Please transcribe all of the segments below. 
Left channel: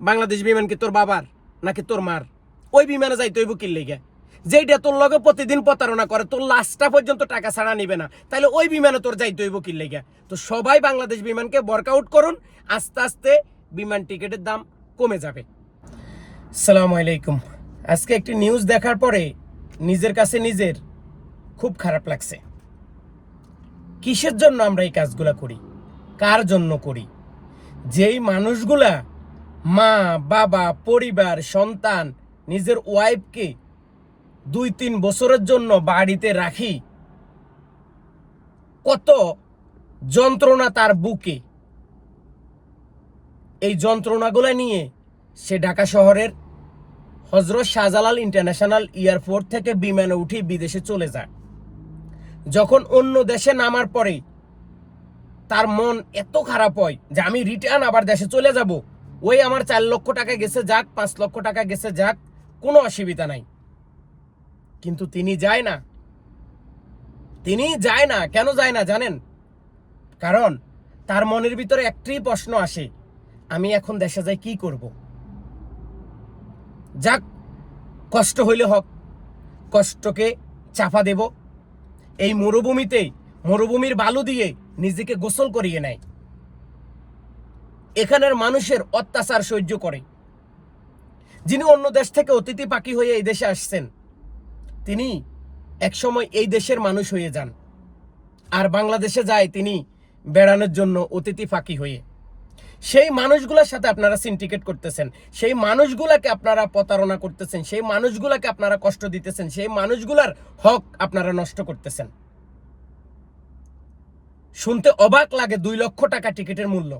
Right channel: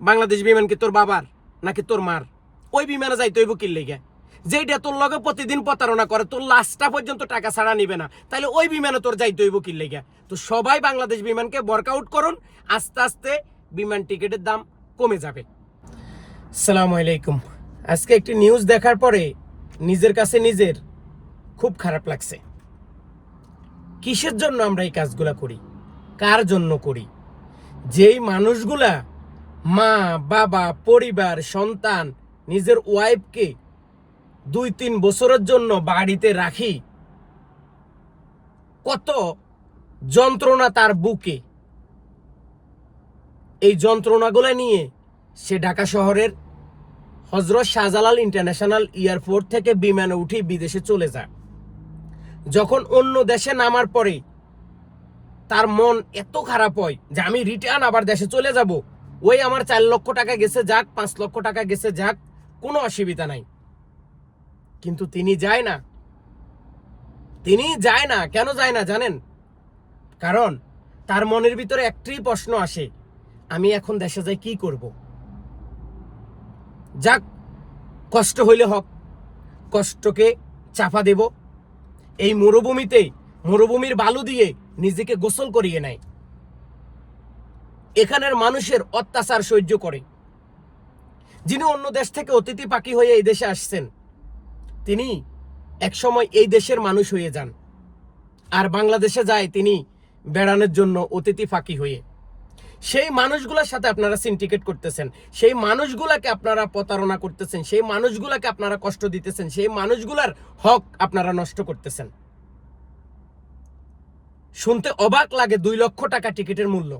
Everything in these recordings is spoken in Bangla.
বাংলাদেশ বিমান কি তোর বাবার নাকি তোর মার? ওই বিমানে যাইতে হইব কি লেগে? যেইটা তোর লগে প্রতিদিন প্রতারণা করে, তোর লাস্টটা পর্যন্ত টাকা ছাড়া নিবে না। তাহলে ওই বিমানে তোর যাইতে হইব কি লেগে? তো সবাই বাংলাদেশ বিমানকে ওয়ার্কআউট করুন, আস্তে আস্তে বিমান টিকিটের দাম কমে যাবে। সালামু আলাইকুম। আজকে একটি নিউজ দেখার পরে নিজের কাছে নিজের খুব খারাপ লাগছে। কিসের জন্য আমরা এই কাজগুলা করি? কার জন্য করি? যেই মানুষগুলা মা, বাবা, পরিবার, সন্তান, নিজের ওয়াইফকে দুই তিন বছরের জন্য বাড়িতে রাখি। কত যন্ত্রণা তার বুকে। এই যন্ত্রণাগুলো নিয়ে সে ঢাকা শহরের হজরত শাহজালাল ইন্টারন্যাশনাল এয়ারপোর্ট থেকে বিমানে উঠে বিদেশে চলে যায়। যখন অন্য দেশে নামার পরে তার মন এত খারাপ হয় যে আমি রিটার্ন আবার দেশে চলে যাব। ওই আমার চার লক্ষ টাকা গেছে যাক, পাঁচ লক্ষ টাকা গেছে যাক, কোনো অসুবিধা নাই। কিন্তু তিনি যায় না। তিনি যায় না। কেন যায় না জানেন? কারণ তার মনের ভিতরে একটি প্রশ্ন আসে, আমি এখন দেশে যাই কি করব? যাক, কষ্ট হইলে হোক, কষ্টকে চাপা দেব। এই মরুভূমিতে মরুভূমির বালু দিয়ে নিজেকে গোসল করিয়ে নেয়। এখানের মানুষের অত্যাচার সহ্য করে। যিনি অন্য দেশ থেকে অতিথি পাখি হয়ে এই দেশে আসছেন, তিনি একসময় এই দেশের মানুষ হয়ে যান। আর বাংলাদেশে যায় তিনি বেড়ানোর জন্য অতিথি ফাঁকি হয়ে। সেই মানুষগুলোর সাথে আপনারা সিন্ডিকেট করতেছেন, সেই মানুষগুলাকে আপনারা প্রতারণা করতেছেন, সেই মানুষগুলাকে আপনারা কষ্ট দিতেছেন, সেই মানুষগুলার হক আপনারা নষ্ট করতেছেন। শুনতে অবাক লাগে দুই লক্ষ টাকা টিকিটের মূল্য।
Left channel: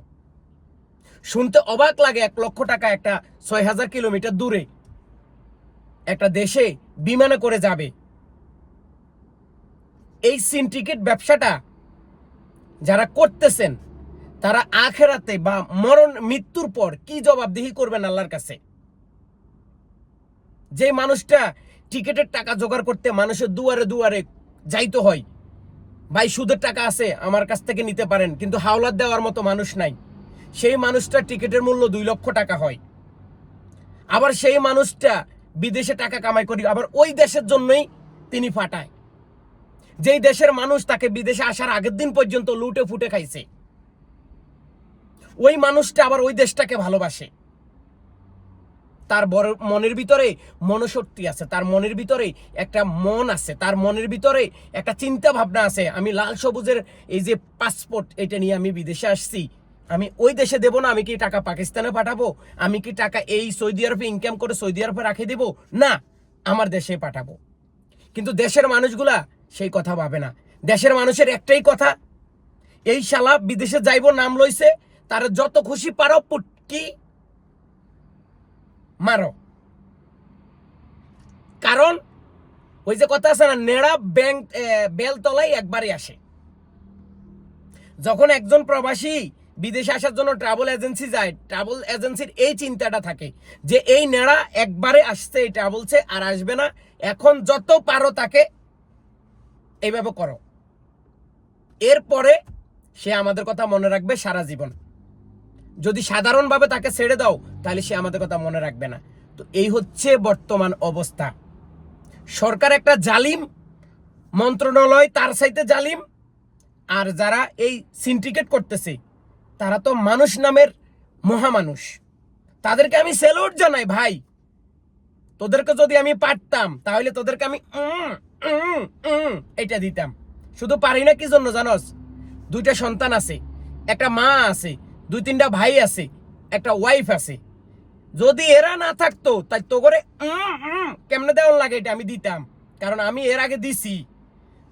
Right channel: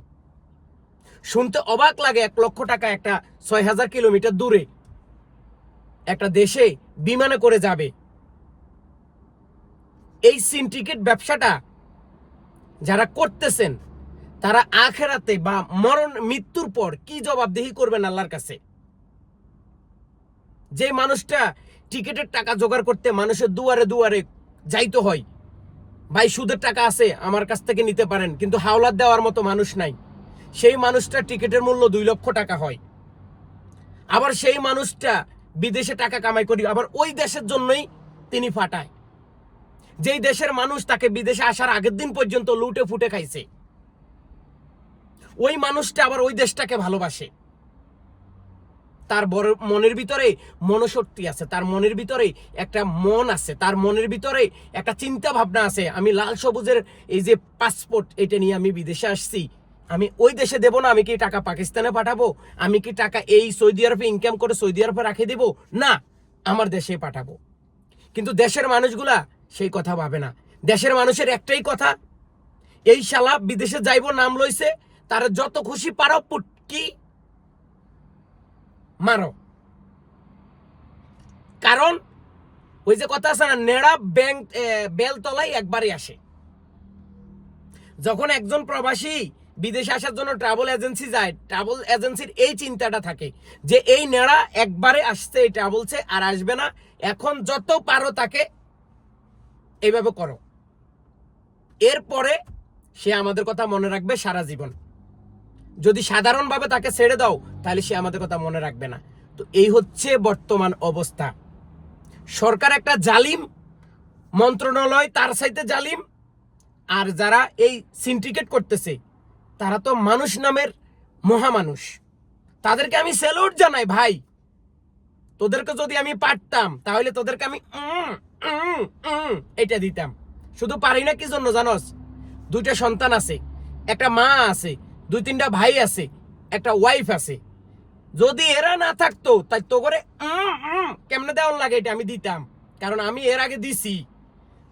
শুনতে অবাক লাগে এক লক্ষ টাকা একটা ছয় হাজার কিলোমিটার দূরে। একটা দেশে বিমানে করে যাবে। এই সিন্ডিকেট ব্যবসাটা যারা করতেছেন, তারা আখেরাতে বা মরণ মৃত্যুর পর কি জবাবদিহি করবেন আল্লাহর কাছে? যে মানুষটা টিকিটের টাকা জোগাড় করতে মানুষের দুয়ারে দুয়ারে যাইতে হয়, ভাই সুদের টাকা আছে, আমার কাছ থেকে নিতে পারেন, কিন্তু হাওলাত দেওয়ার মতো মানুষ নাই। সেই মানুষটা টিকিটের মূল্য দুই লক্ষ টাকা হয়। আবার সেই মানুষটা বিদেশে টাকা কামাই করি, আবার ওই দেশের জন্যই তিনি ফাটায়। যেই দেশের মানুষ তাকে বিদেশে আসার আগের দিন পর্যন্ত লুটে ফুটে খাইছে, ওই মানুষটা আবার ওই দেশটাকে ভালোবাসে। তার মনের ভিতরে মনশক্তি আছে, তার মনের ভিতরে একটা মন আছে, তার মনের ভিতরে একটা চিন্তা ভাবনা আছে। আমি লাল সবুজের এই যে পাসপোর্ট এটা নিয়ে আমি বিদেশে আসছি আমি ওই দেশে দেব না, আমি কি টাকা পাকিস্তানে পাঠাবো? আমি কি টাকা এই সৌদি আরবে ইনকাম করে সৌদি আরবে রাখে দেব? না, আমার দেশে পাঠাবো। কিন্তু দেশের মানুষগুলা সেই কথা ভাবে না। দেশের মানুষের একটাই কথা, এই শালা বিদেশে যাইব, নাম লইছে, তার যত খুশি পারো, পুটকি মারো। কারণ, ওই যে কথা আছে না, নেড়া ব্যাংক বেলতলাই একবারই আসে। যখন একজন প্রবাসী বিদেশে আসার জন্য ট্রাভেল এজেন্সি যায় ট্রাভেল এজেন্সির এই চিন্তাটা থাকে যে এই নেড়া একবারে আসছে, এই ট্রাভেলসে আর আসবে না। এখন যত পারো তাকে এইভাবে করো। এরপরে সে আমাদের কথা মনে রাখবে সারা জীবন। যদি সাধারণভাবে তাকে ছেড়ে দাও, তাহলে সে আমাদের কথা মনে রাখবে না। তো এই হচ্ছে বর্তমান অবস্থা। সরকার একটা জালিম, মন্ত্রণালয় তার সাইতে জালিম, আর যারা এই সিন্ডিকেট করতেছে তারা তো মানুষ নামের মহামানুষ। তাদেরকে আমি স্যালুট জানাই, ভাই। তোদেরকে যদি আমি পারতাম, তাহলে তোদেরকে আমি এটা দিতাম। শুধু পারি না কি জন্য জানোস? দুইটা সন্তান আছে, একটা মা আছে, দুই তিনটা ভাই আছে, একটা ওয়াইফ আছে। যদি এরা না থাকতো, তাই তো করে কেমনে দেওয়ার লাগে এটা আমি দিতাম। কারণ আমি এর আগে দিছি।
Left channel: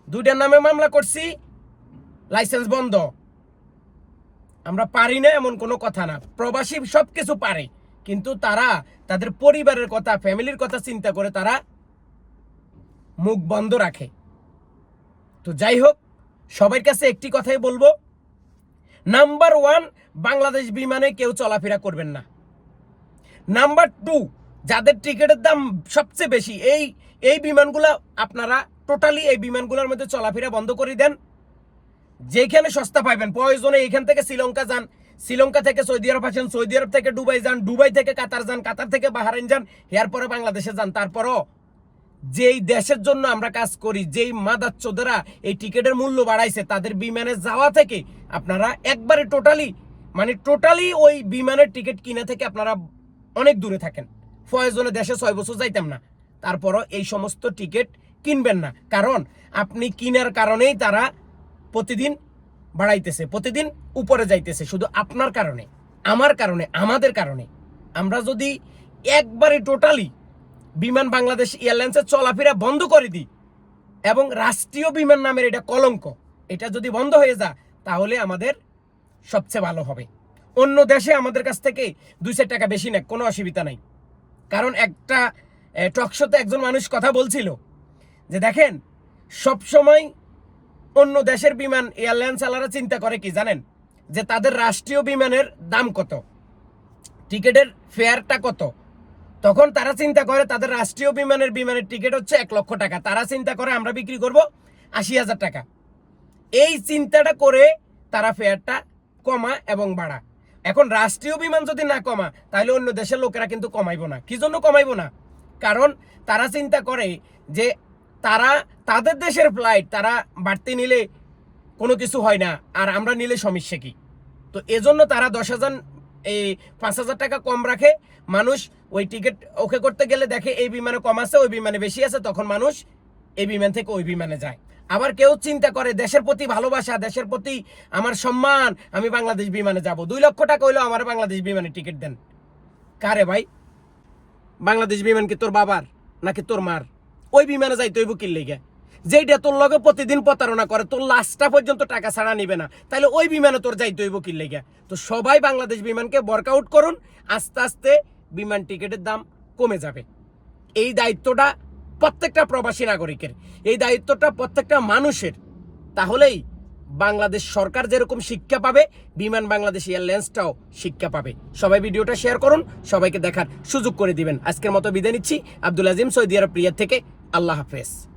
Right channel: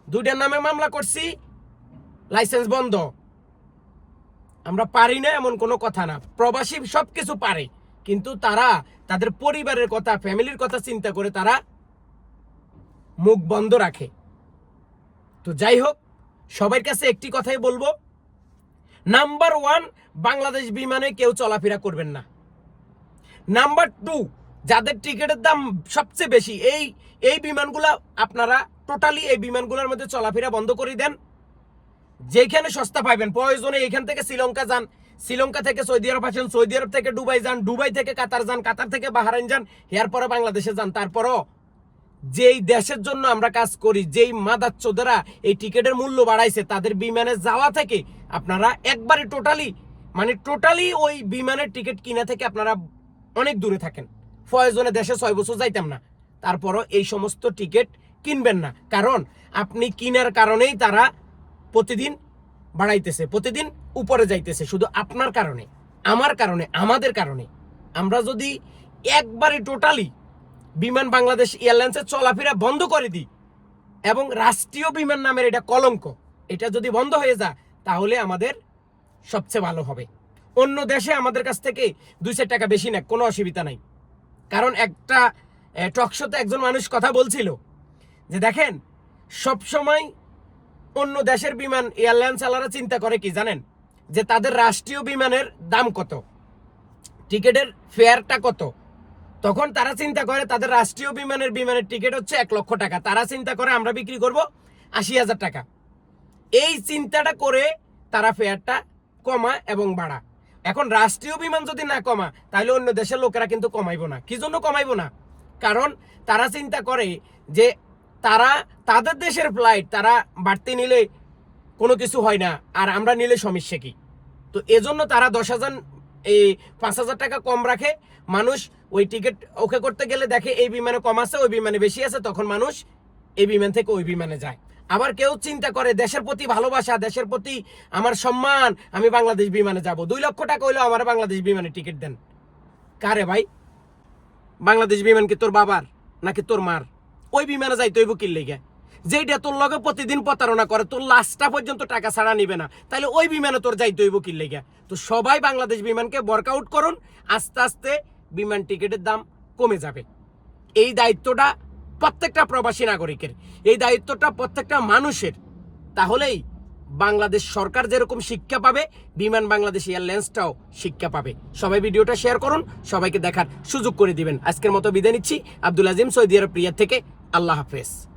দুইটার নামে মামলা করছি লাইসেন্স বন্ধ। আমরা পারি না এমন কোনো কথা না। প্রবাসী সব কিছু পারে, কিন্তু তারা তাদের পরিবারের কথা, ফ্যামিলির কথা চিন্তা করে তারা মুখ বন্ধ রাখে। তো যাই হোক, সবার কাছে একটি কথাই বলব। নাম্বার ওয়ান, বাংলাদেশ বিমানে কেউ চলাফেরা করবেন না। নাম্বার টু, যাদের টিকিটের দাম সবচেয়ে বেশি, এই এই বিমানগুলা আপনারা টোটালি এই বিমানগুলোর মধ্যে চলাফেরা বন্ধ করে দেন। যেখানে সস্তা পাইবেন, প্রয়োজনে এখান থেকে শ্রীলঙ্কা যান, শ্রীলঙ্কা থেকে সৌদি আরব আসেন, সৌদি আরব থেকে দুবাই যান, দুবাই থেকে কাতার যান, কাতার থেকে বাহারাইন যান এরপরে বাংলাদেশে যান। তারপরও যেই দেশের জন্য আমরা কাজ করি, যেই মাদার মাদাচ্চোদেরা এই টিকিটের মূল্য বাড়াইছে, তাদের বিমানে যাওয়া থেকে আপনারা একবারে টোটালি মানে টোটালি ওই বিমানের টিকিট কিনা থেকে আপনারা অনেক দূরে থাকেন। প্রয়োজনে দেশে ছয় বছর যাইতাম না। তারপরও এই সমস্ত টিকিট কিনবেন না। কারণ আপনি কিনার কারণেই তারা প্রতিদিন বাড়াইতেছে, প্রতিদিন উপরে যাইতেছে, শুধু আপনার কারণে, আমার কারণে, আমাদের কারণে। আমরা যদি একবারে টোটালি বিমান বাংলাদেশ এয়ারলাইন্সের চলাফেরা বন্ধ করে দিই, এবং রাষ্ট্রীয় বিমান নামের এটা কলঙ্ক, এটা যদি বন্ধ হয়ে যায়, তাহলে আমাদের সবচেয়ে ভালো হবে। অন্য দেশে আমাদের কাছ থেকে দুই টাকা বেশি নেয়, কোনো অসুবিধা নাই। কারণ একটা টকশোতে একজন মানুষ কথা বলছিল যে, দেখেন, সবসময় অন্য দেশের বিমান এয়ারলাইন্স চালারা চিন্তা করে কি জানেন? যে তাদের রাষ্ট্রীয় বিমানের দাম কত? টিকিটের ফেয়ারটা কত? তখন তারা চিন্তা করে তাদের রাষ্ট্রীয় বিমানের বিমানের টিকিট হচ্ছে এক লক্ষ টাকা। তারা চিন্তা করে আমরা বিক্রি করব আশি হাজার টাকা। এই চিন্তাটা করে তারা ফেয়ারটা কমা এবং বাড়া। এখন রাষ্ট্রীয় বিমান যদি না কমা, তাহলে অন্য দেশের লোকেরা কিন্তু কমাইবো না। কি জন্য কমাইবো না? কারণ তারা চিন্তা করে যে তারা, তাদের দেশের ফ্লাইট তারা বাড়তি নিলে কোনো কিছু হয় না, আর আমরা নিলে সমস্যা কি? তো এজন্য তারা দশ হাজার এই পাঁচ হাজার টাকা কম রাখে। মানুষ ওই টিকিট ওকে করতে গেলে দেখে এই বিমানে কম আছে, ওই বিমানে বেশি আছে, তখন মানুষ এই বিমান থেকে ওই বিমানে যায়। আবার কেউ চিন্তা করে, দেশের প্রতি ভালোবাসা, দেশের প্রতি আমার সম্মান, আমি বাংলাদেশ বিমানে যাব। দুই লক্ষ টাকা হইল আমার বাংলাদেশ বিমানে টিকিট দেন। কারে ভাই? বাংলাদেশ বিমান কি তোর বাবার নাকি তোর মার? ওই বিমানে যাইতে হইব কি লেগে? যেইটা তোর লগে প্রতিদিন প্রতারণা করে, তোর লাস্টটা পর্যন্ত টাকা ছাড়া নিবে না। তাহলে ওই বিমানে তোর যাইতে হইব কি লেগে? তো সবাই বাংলাদেশ বিমানকে ওয়ার্কআউট করুন, আস্তে আস্তে বিমান টিকিটের দাম কমে যাবে। এই দায়িত্বটা প্রত্যেকটা প্রবাসী নাগরিকের। এই দায়িত্বটা প্রত্যেকটা মানুষের। তাহলেই বাংলাদেশ সরকার যেরকম শিক্ষা পাবে, বিমান বাংলাদেশ এয়ারলাইন্সটাও শিক্ষা পাবে। সবাই ভিডিওটা শেয়ার করুন, সবাইকে দেখার সুযোগ করে দিবেন। আজকের মতো বিদায় নিচ্ছি। আব্দুল আজিম সৌদি আরব প্রিয়ার থেকে আল্লাহ হাফেজ।